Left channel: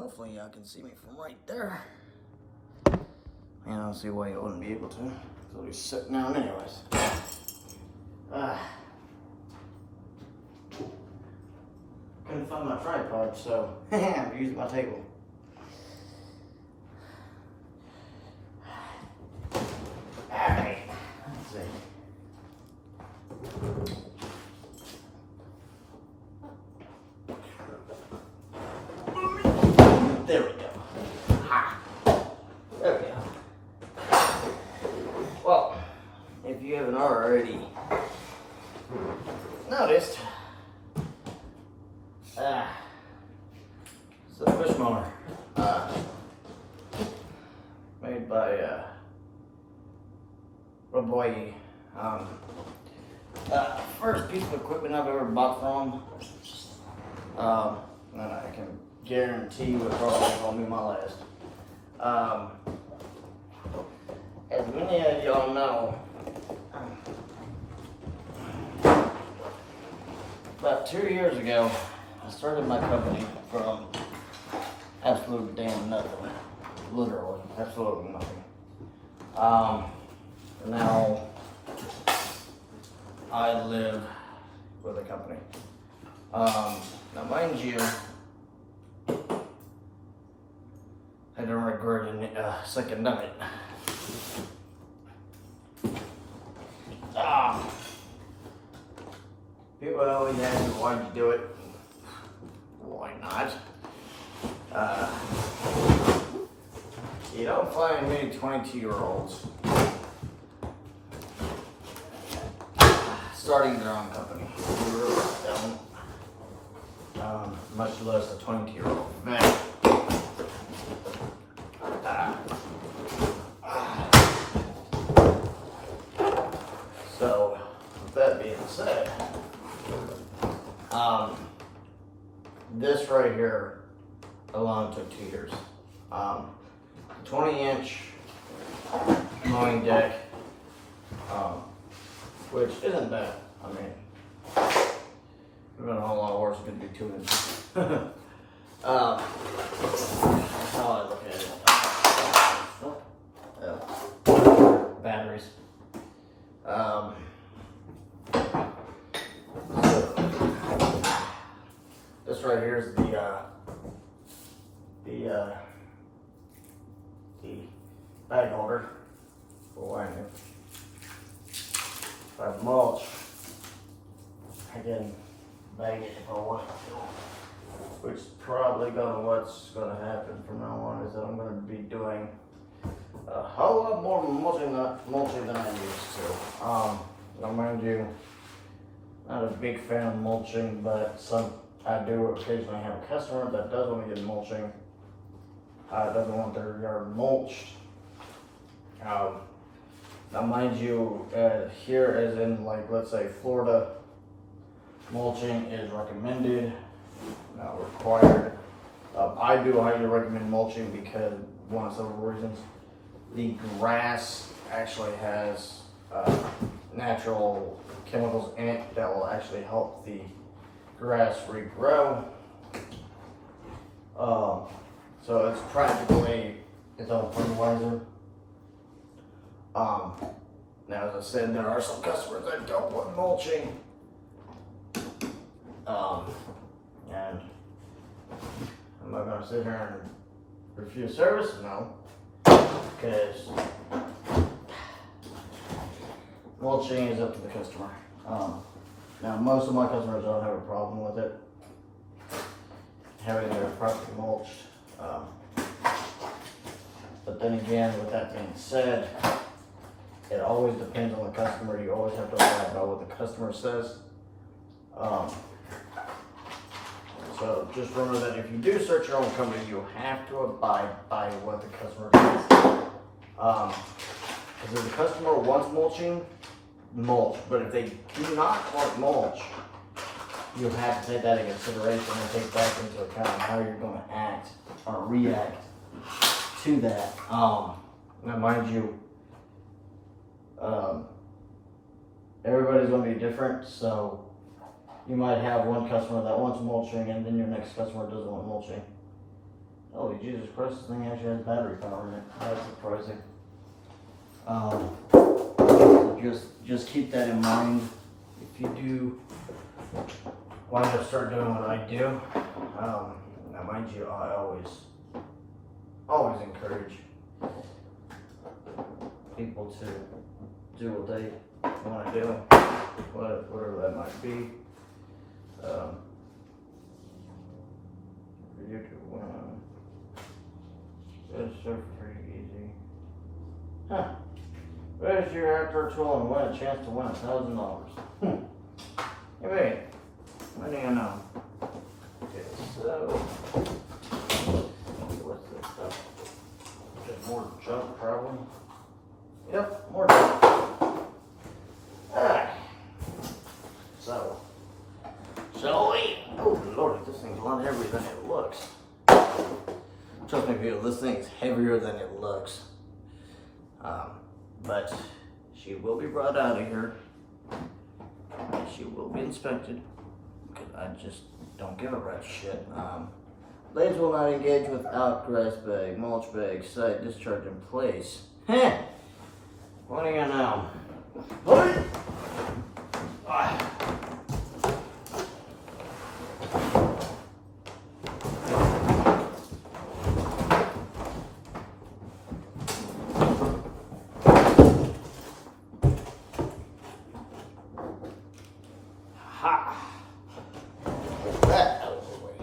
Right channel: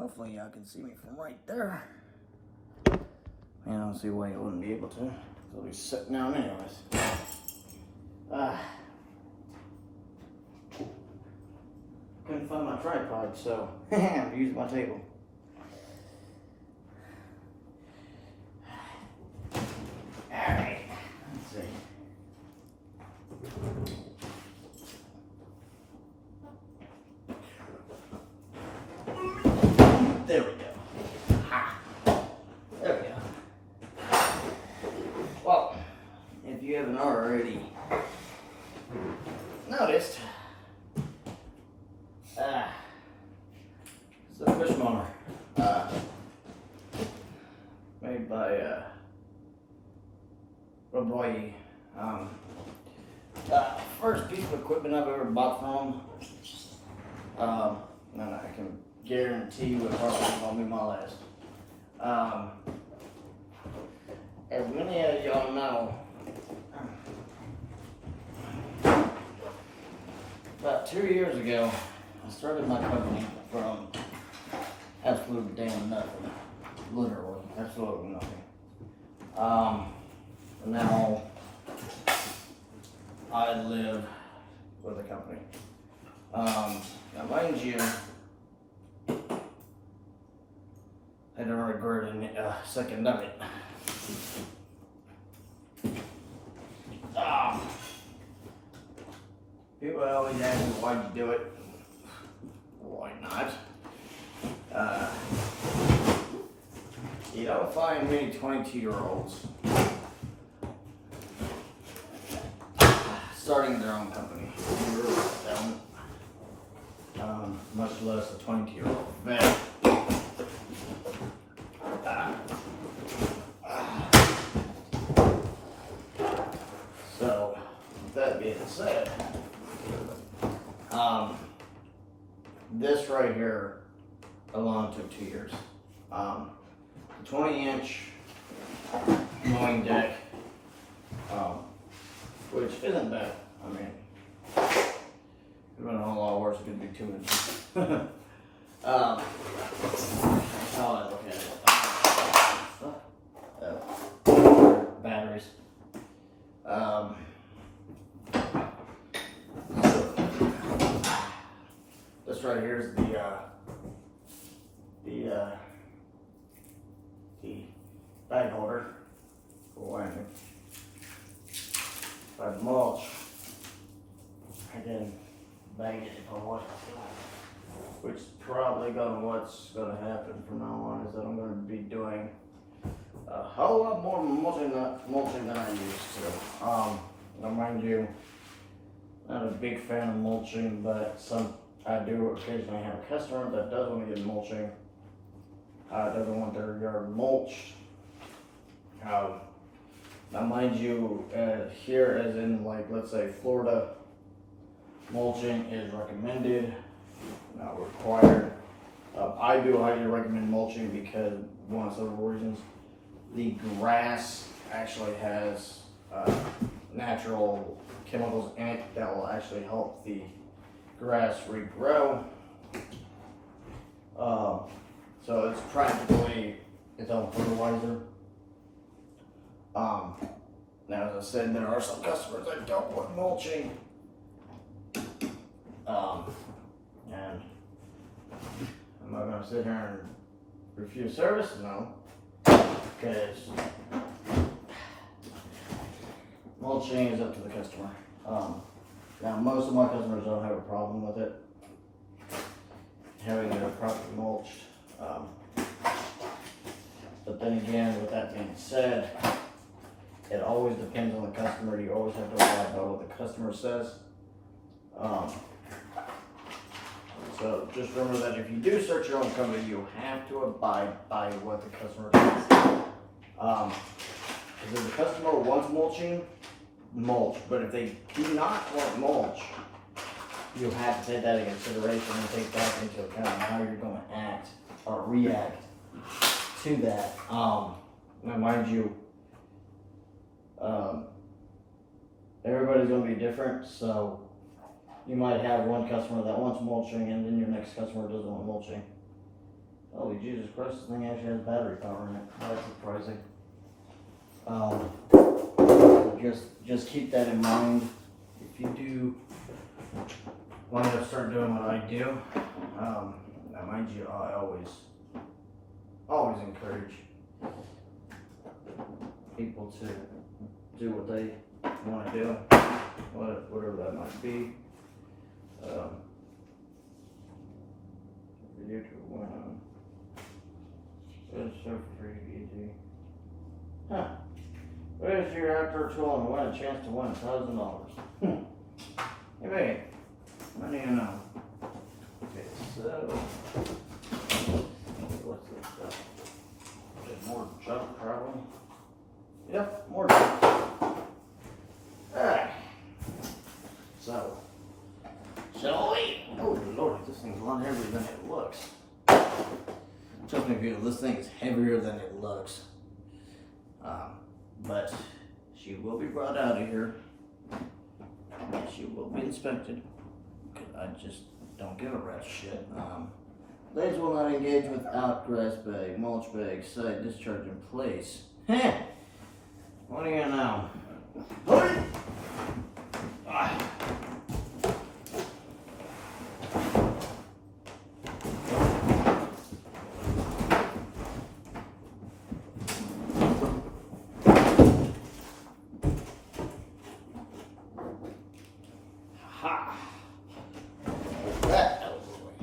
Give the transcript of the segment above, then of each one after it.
Hopefully y'all can see me from right there. I don't see why you wouldn't be able to. I'll be sitting down anyways. Couldn't find my tripod, so I have to use my table. Alright, let's see. There we go. There we go. Well, if you haven't already noticed, it's a push mower made by Roboy. First piece of equipment I've ever bought from him. And I can guarantee you it probably won't be my last. As many of y'all know, about 2 years ago, I started my company from absolute damn nothing. Literally, absolutely nothing. Now, I live with a company. Now mind you, I don't regret a second of it. People always ask me why you do it. Why not? You don't find many 22-year-olds starting their own company. You really don't. Much less a 22-year-old. So, with that being said, this right here alone took 2 years. 20-inch mowing deck, which isn't bad. I mean, it's been a whole lot worse. It's going to be 2 inches. That's how I look at it. Batteries. This right here is the bag holder for winding. If I mulch, I can bag it if I want to. Which is probably what's gonna happen from now on is that I'm gonna be doing a whole lot more mulching than I used to. Now mind you, not a big fan of mulching, but I do occasionally have a customer that does want to get mulching. Doesn't want their yard mulched. Now mind you, here as in like let's say Florida, mulching is recommended, not required. I do highly recommend mulching because one of several reasons. The grass actually has natural chemicals in it that will actually help the grass regrow. So it's practically its own fertilizer. Now, as I said, there are some customers that don't want mulching. And I'm not going to sit here and refuse service, no, because mulching is up to the customer. Now, most of my customers don't have a problem with it, having their property mulched. But then again, with that being said, it always depends on the customer. You always have to abide by what the customer says. So just remember that if you do start your own company, you have to abide by what the customer says. Because if the customer wants mulching, mulch. But if they do not want mulch, you have to take that into consideration and take that into account how you're going to act or react to that. Now, mind you, everybody's going to be different, so you might have one customer that wants mulching and then your next customer doesn't want mulching. Holy Jesus Christ, this thing actually has battery power in it. That's surprising. Just keep that in mind. If you do wind up start doing what I do, now mind you, I always encourage people to do what they want to do, whatever that might be. Video to win. It's so free, easy. Huh. Where's your outdoor tool and win a chance to win $1,000? Hey, wait. What do you know? Okay, so. What's this stuff? Just more junk, probably. Yep, more junk. Alright. So. Oh Lord, this thing's a lot heavier than it looks. Trust me, people, this thing's heavier than it looks. But she will be brought out of here. She will be inspected. Because I just don't give a rat's shit. Blades will not engage without grass bag, mulch bag, side discharge in place. Heh! What do you know? What? Ha! Get that out of the way.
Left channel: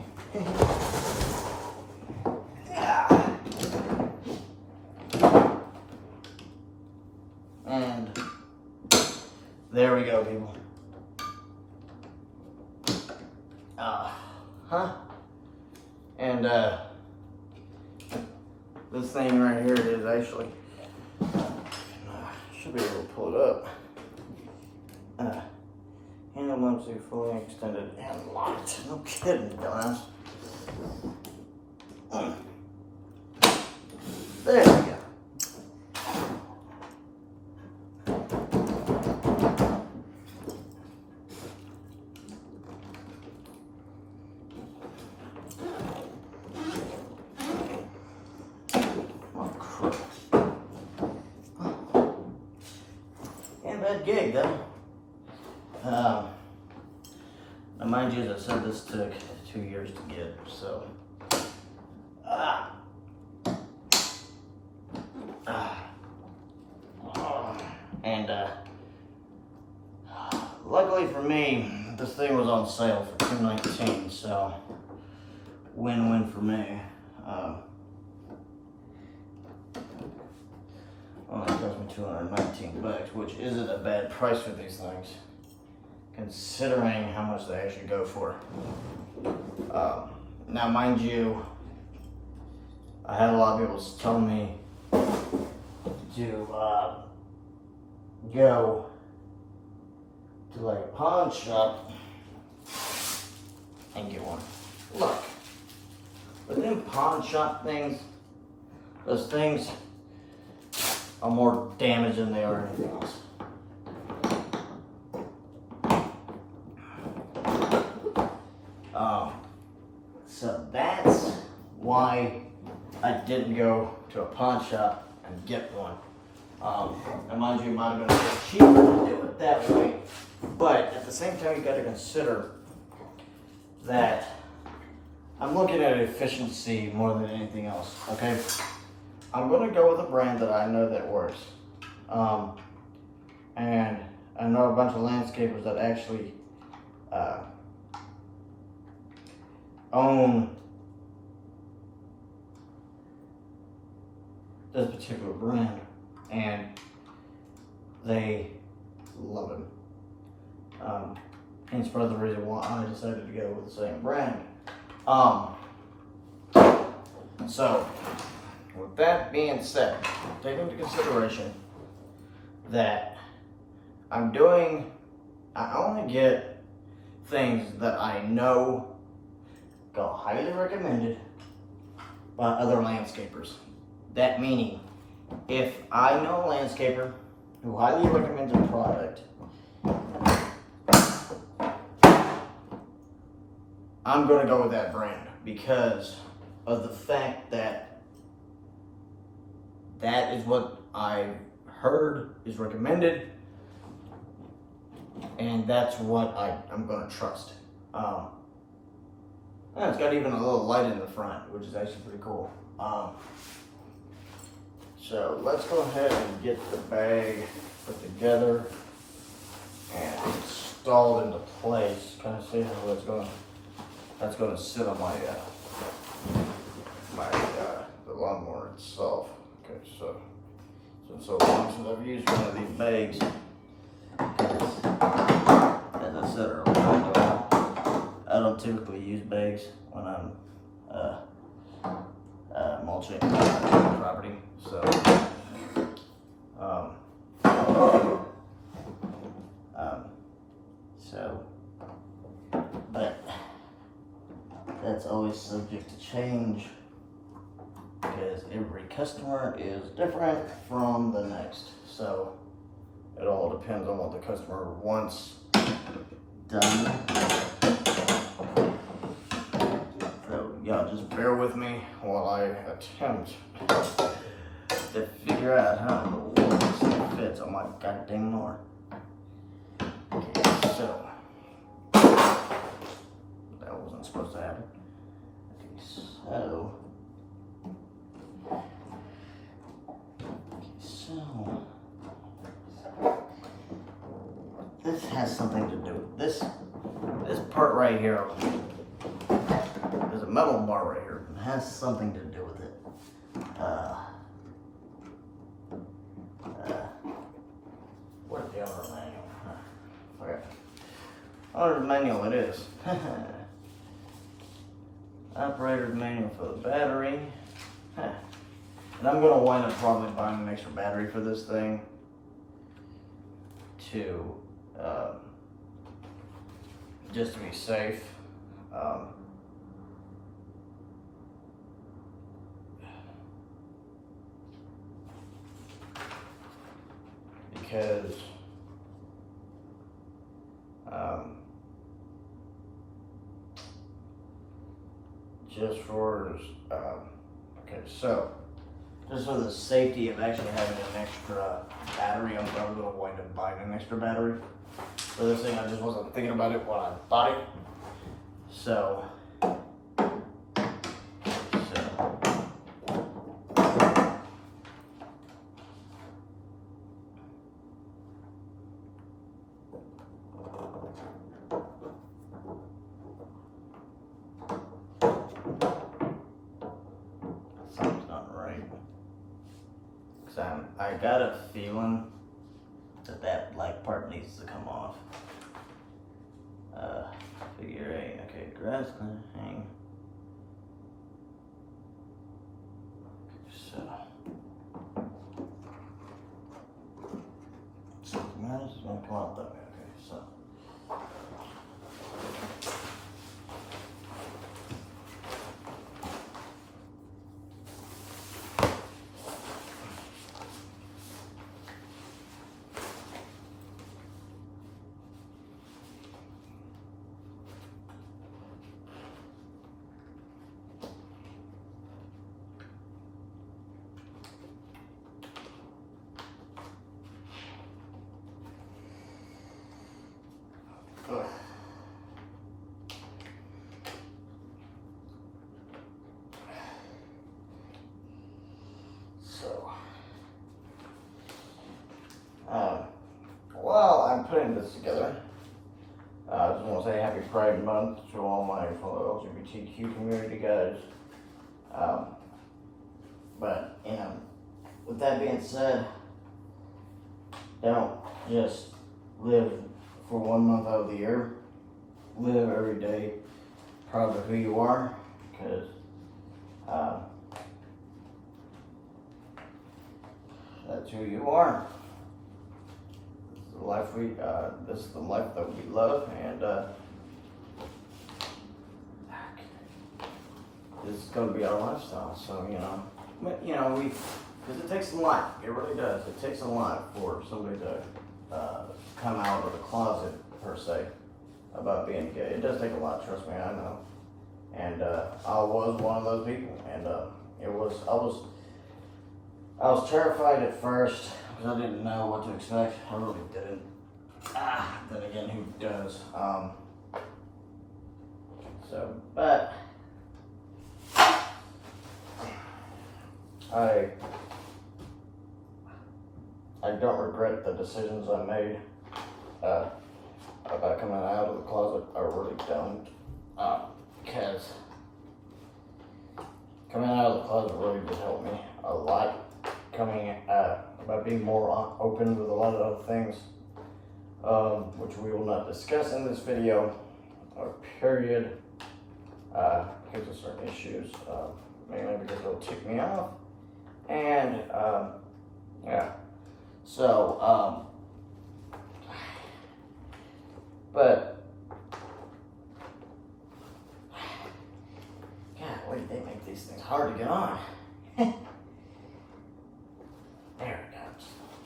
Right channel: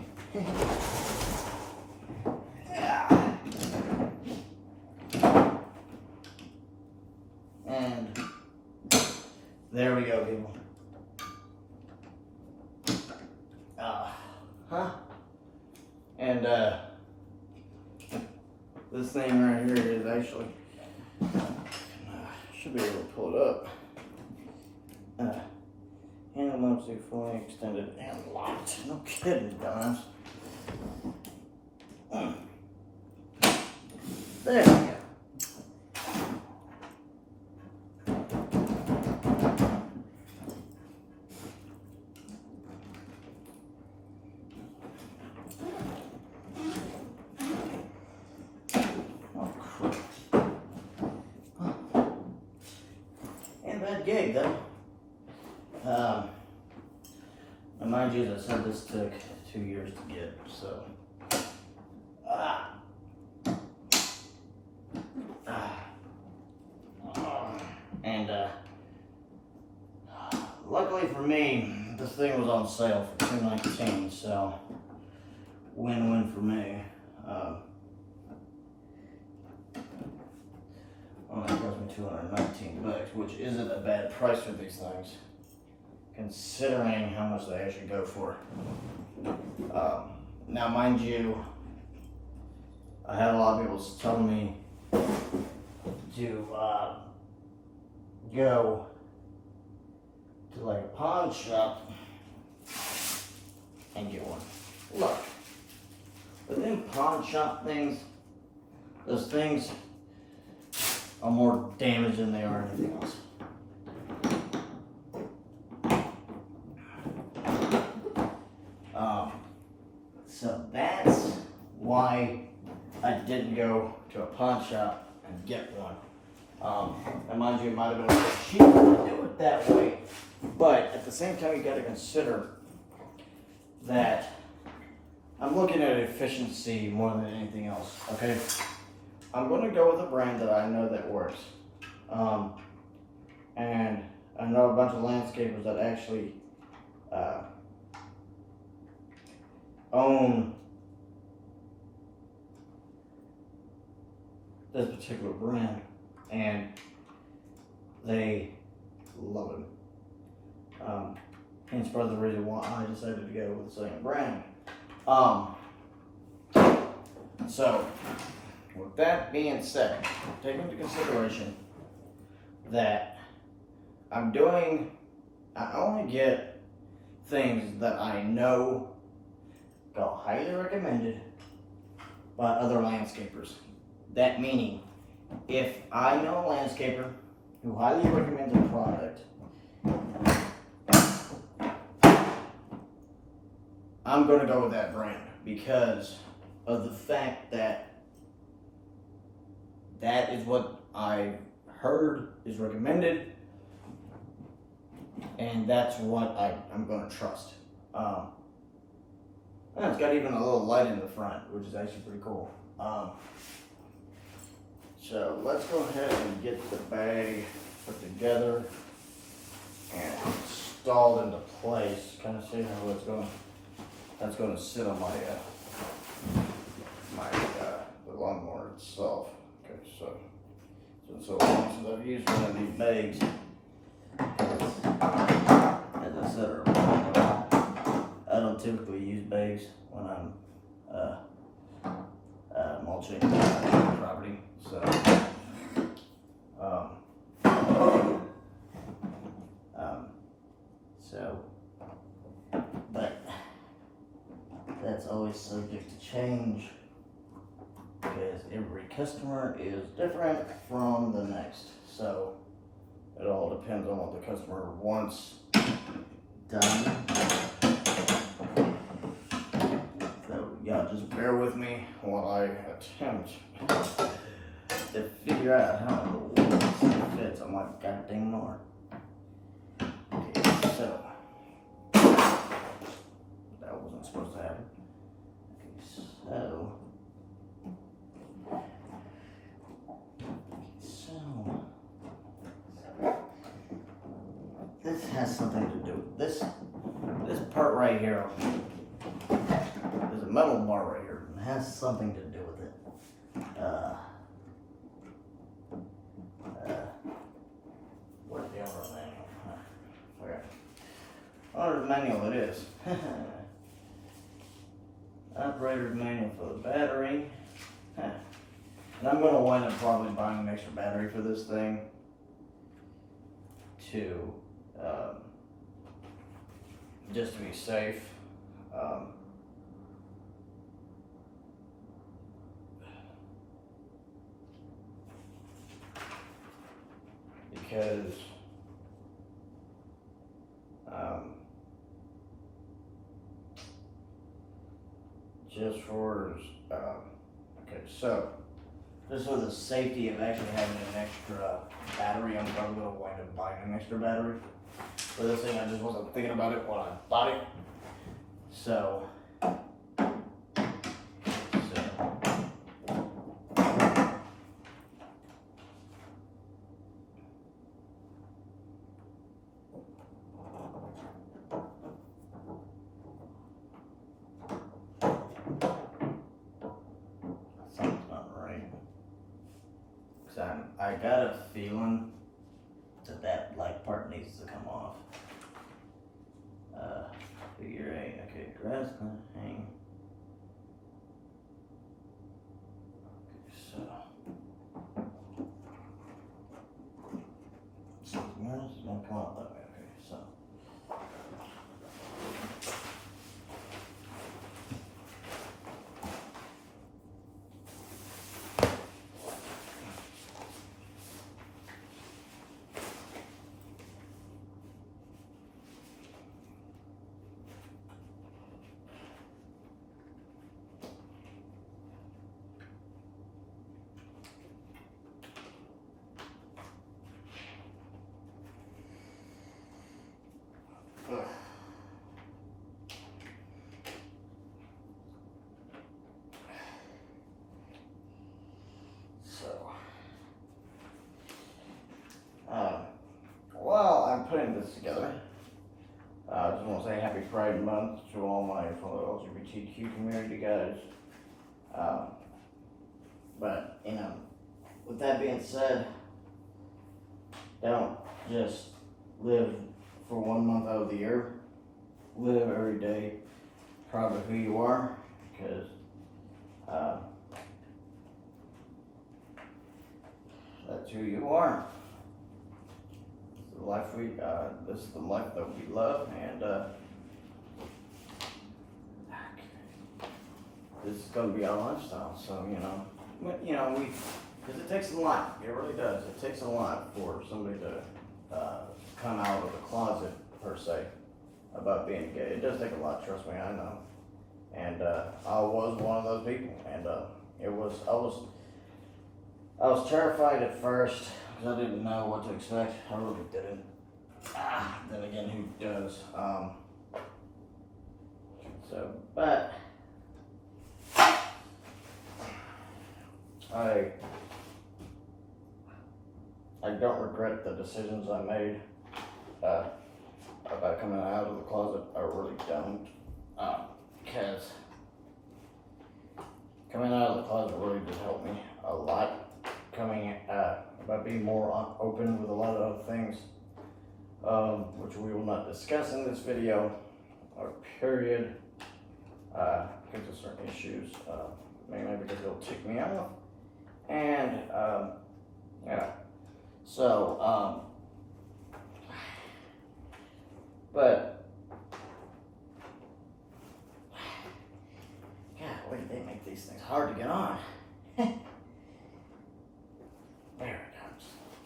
And there we go, people. And this thing right here is actually should be able to pull it up. Handle mounts are fully extended and locked. No kidding, dumbass. There we go. Oh, crap. Ain't a bad gig, though. Now mind you, as I said, this took 2 years to get, so. And luckily for me, this thing was on sale for $219, so win-win for me. Only cost me $219, which isn't a bad price for these things, considering how much they actually go for. Now, mind you, I had a lot of people telling me to go to like a pawn shop and get one. Look, with them pawn shop things, those things are more damaged than they are anything else. So that's why I didn't go to a pawn shop and get one. And mind you, it might have been a little cheaper to do it that way, but at the same time, you got to consider that I'm looking at efficiency more than anything else. Okay, I'm going to go with a brand that I know that works, and I know a bunch of landscapers that actually own this particular brand, and they love it. Hence further reason why I decided to go with the same brand. So with that being said, take into consideration that I only get things that I know go highly recommended by other landscapers. That meaning, if I know a landscaper who highly recommends a product, I'm going to go with that brand because of the fact that that is what I heard is recommended, and that's what I'm gonna trust. And it's got even a little light in the front, which is actually pretty cool. So let's go ahead and get the bag put together and installed into place. Kind of see how it's going. That's going to sit on the lawnmower itself. Okay, so long since I've used one of these bags, as I said earlier, I don't typically use bags when I'm mulching property. But that's always subject to change because every customer is different from the next. So it all depends on what the customer wants done. So y'all just bear with me while I attempt to figure out how in the world this thing fits on my goddamn mower. Okay, so that wasn't supposed to happen. Okay, so this has something to do with this part right here. There's a metal bar right here. It has something to do with it. Where's the owner's manual? Okay. Owner's manual it is. Operator's manual for the battery. And I'm gonna wind up probably buying an extra battery for this thing to just to be safe. Because just for okay, so just for the safety of actually having an extra battery, I'm probably going to wind up buying an extra battery for this thing. I just wasn't thinking about it when I bought it. So I got a feeling that black part needs to come off. Figure 8. Okay, grass gonna hang. Okay, so this is gonna come out that way. Okay, so. While I'm putting this together, I just want to say Happy Pride Month to all my fellow LGBTQ community guys. But, with that being said, don't just live for 1 month out of the year. Live every day proud of who you are, because that's who you are. This is the life that we love, and this is going to be our lifestyle. So because it takes a lot. It really does. It takes a lot for somebody to come out of the closet per se about being gay. It does take a lot. Trust me, I know. And I was one of those people, and I was terrified at first because I didn't know what to expect. I really didn't. Then again, who does? But I don't regret the decisions I made about coming out of the closet. I really don't, because coming out of the closet really did help me a lot. By being more open with a lot of other things, which we will not discuss in this video, or period, because of certain issues, mainly because it'll tick me off, and yeah. So, but golly, they make these things hard to get on. There it goes.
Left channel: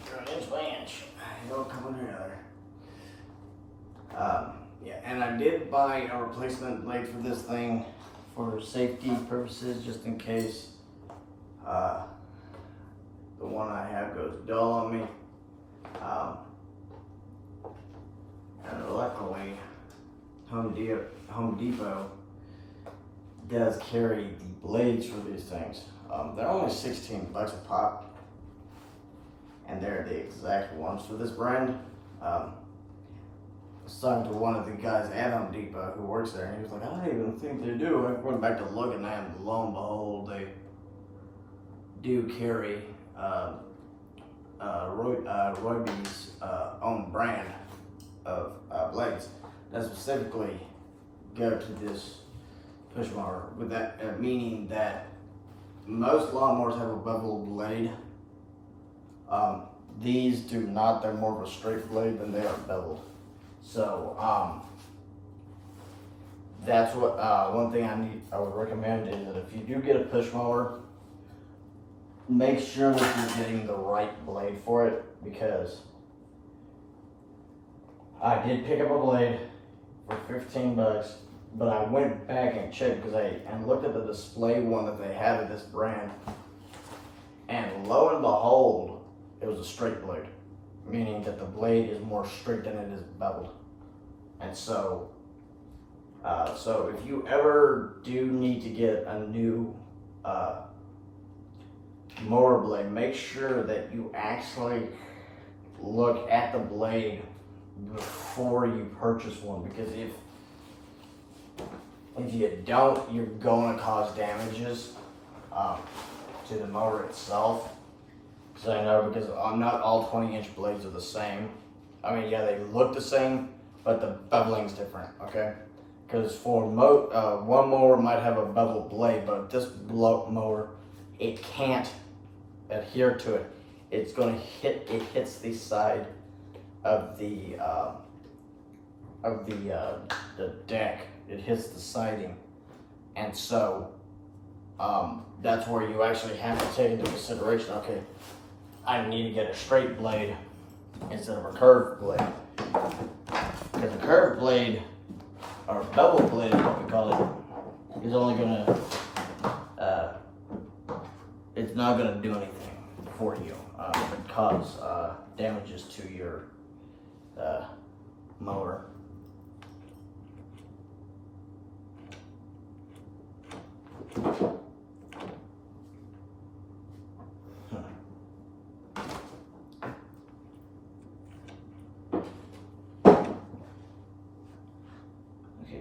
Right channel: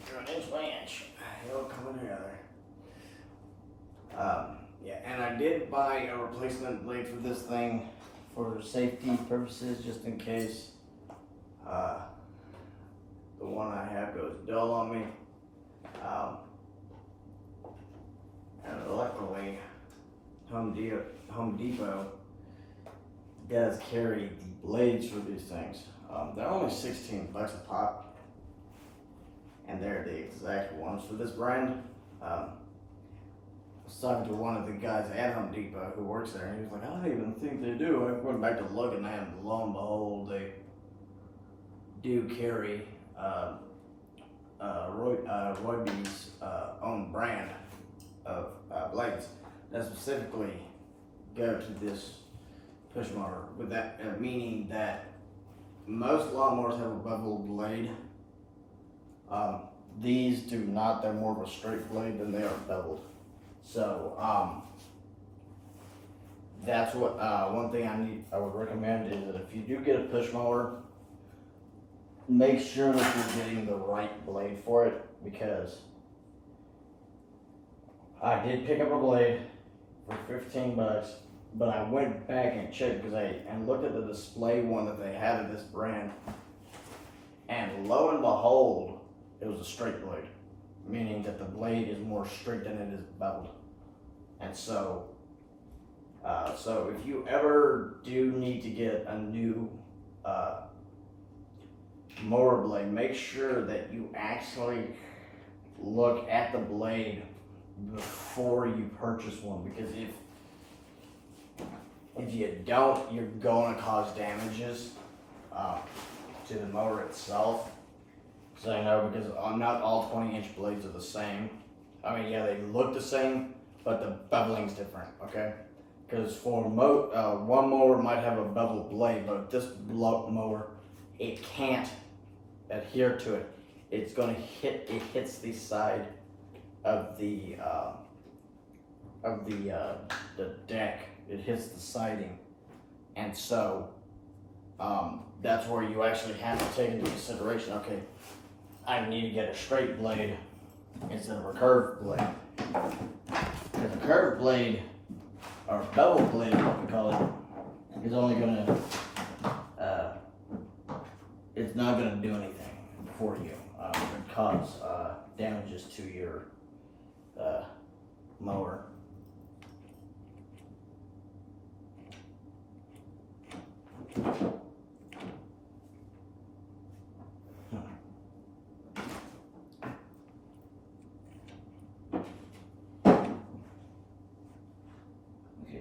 Go an inch by inch. It'll come together. Yeah, and I did buy a replacement blade for this thing for safety purposes, just in case the one I have goes dull on me. And luckily, Home Depot does carry the blades for these things. They're only $16 a pop, and they're the exact ones for this brand. I was talking to one of the guys at Home Depot who works there, and he was like, I don't even think they do. I went back to looking at them, lo and behold, they do carry Ryobi's own brand of blades that specifically go to this push mower, with that meaning that most lawnmowers have a beveled blade. These do not. They're more of a straight blade than they are beveled. So that's what one thing I would recommend is that if you do get a push mower, make sure that you're getting the right blade for it, because I did pick up a blade for $15, but I went back and checked and looked at the display one that they had of this brand, and lo and behold, it was a straight blade, meaning that the blade is more straight than it is beveled. And so, so if you ever do need to get a new mower blade, make sure that you actually look at the blade before you purchase one, because if you don't, you're going to cause damages to the mower itself. So I know, because not all 20-inch blades are the same. I mean, yeah, they look the same, but the beveling's different, okay? Because for one mower might have a beveled blade, but this mower, it can't adhere to it. It's going to hits the side of the deck. It hits the siding, and so that's where you actually have to take into consideration, okay, I need to get a straight blade instead of a curved blade. Because a curved blade, or bevel blade, what we call it, is only gonna, it's not gonna do anything for you. It cause damages to your mower.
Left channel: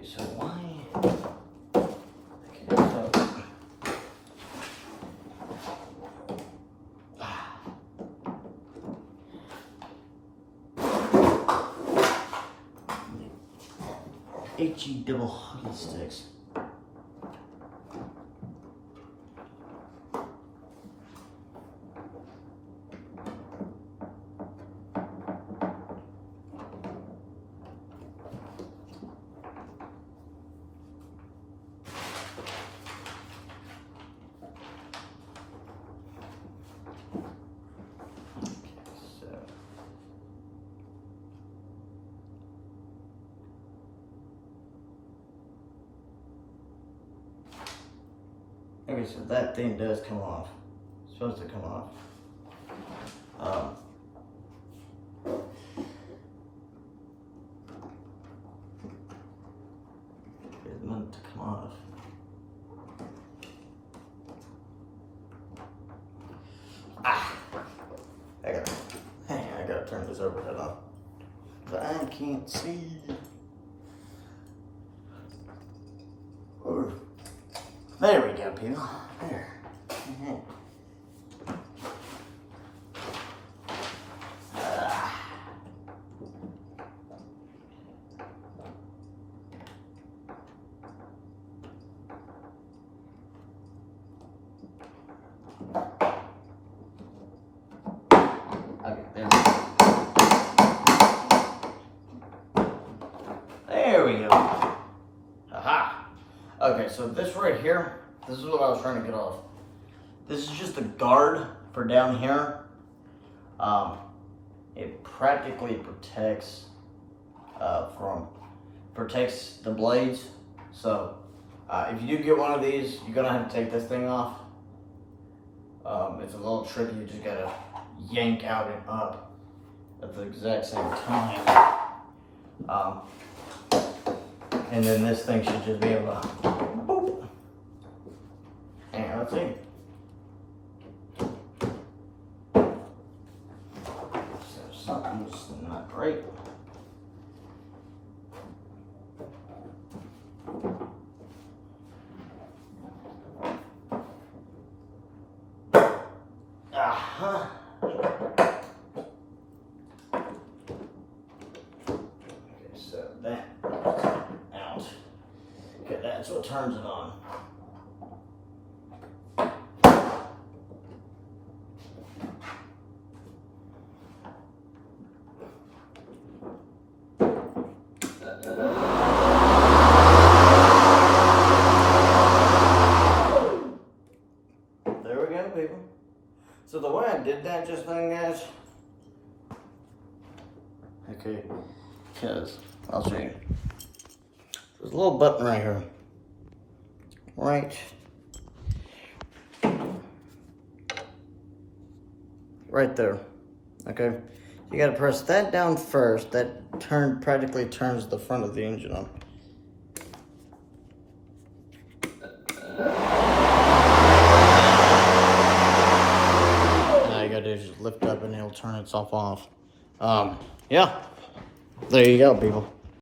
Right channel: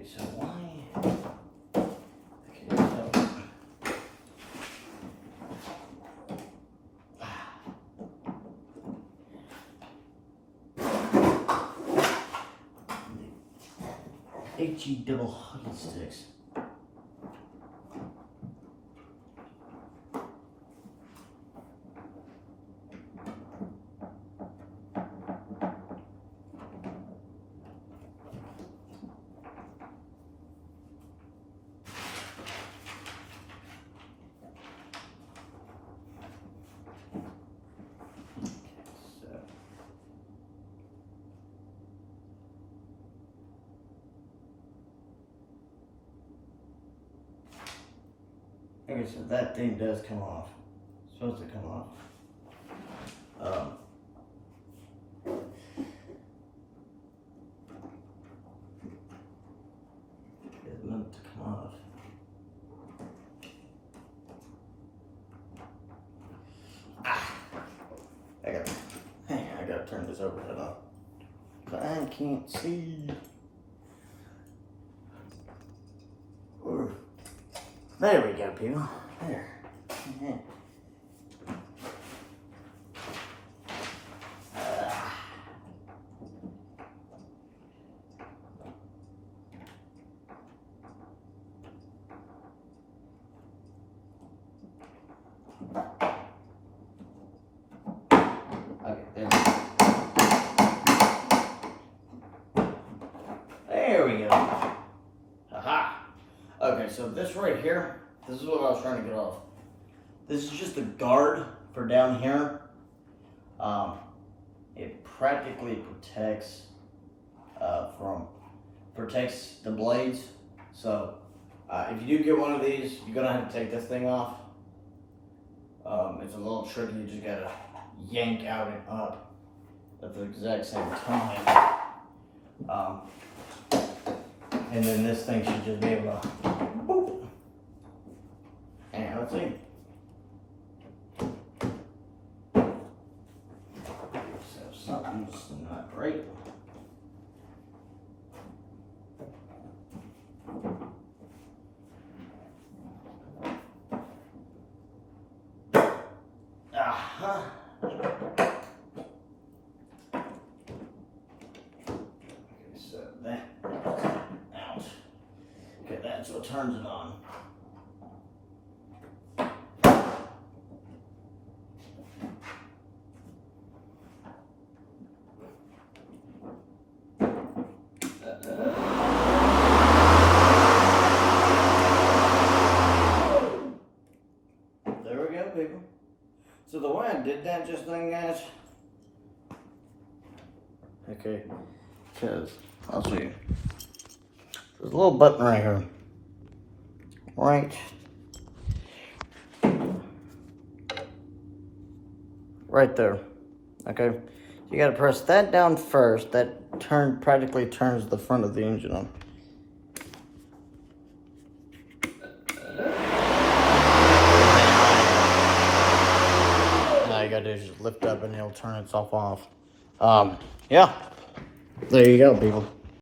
So why? Okay, so HE double hockey sticks. Okay, so that thing does come off. It's supposed to come off. It's meant to come off. I gotta turn this overhead on. But I can't see. Ooh. There we go, people. There. There we go. Aha. Okay, so this right here, this is what I was trying to get off. This is just a guard for down here. It practically protects protects the blades. So if you do get one of these, you're gonna have to take this thing off. It's a little tricky. You just gotta yank out and up at the exact same time. And then this thing should just be able to boop. And let's see. So something's not great. Aha. Okay, so that out. Okay, that's what turns it on. There we go, people. So the way I did that just then, guys, okay, because I'll show you. There's a little button right here, right there. Okay, you gotta press that down first. That practically turns the front of the engine on. All you gotta do is just lift up and it'll turn itself off. Yeah, there you go, people.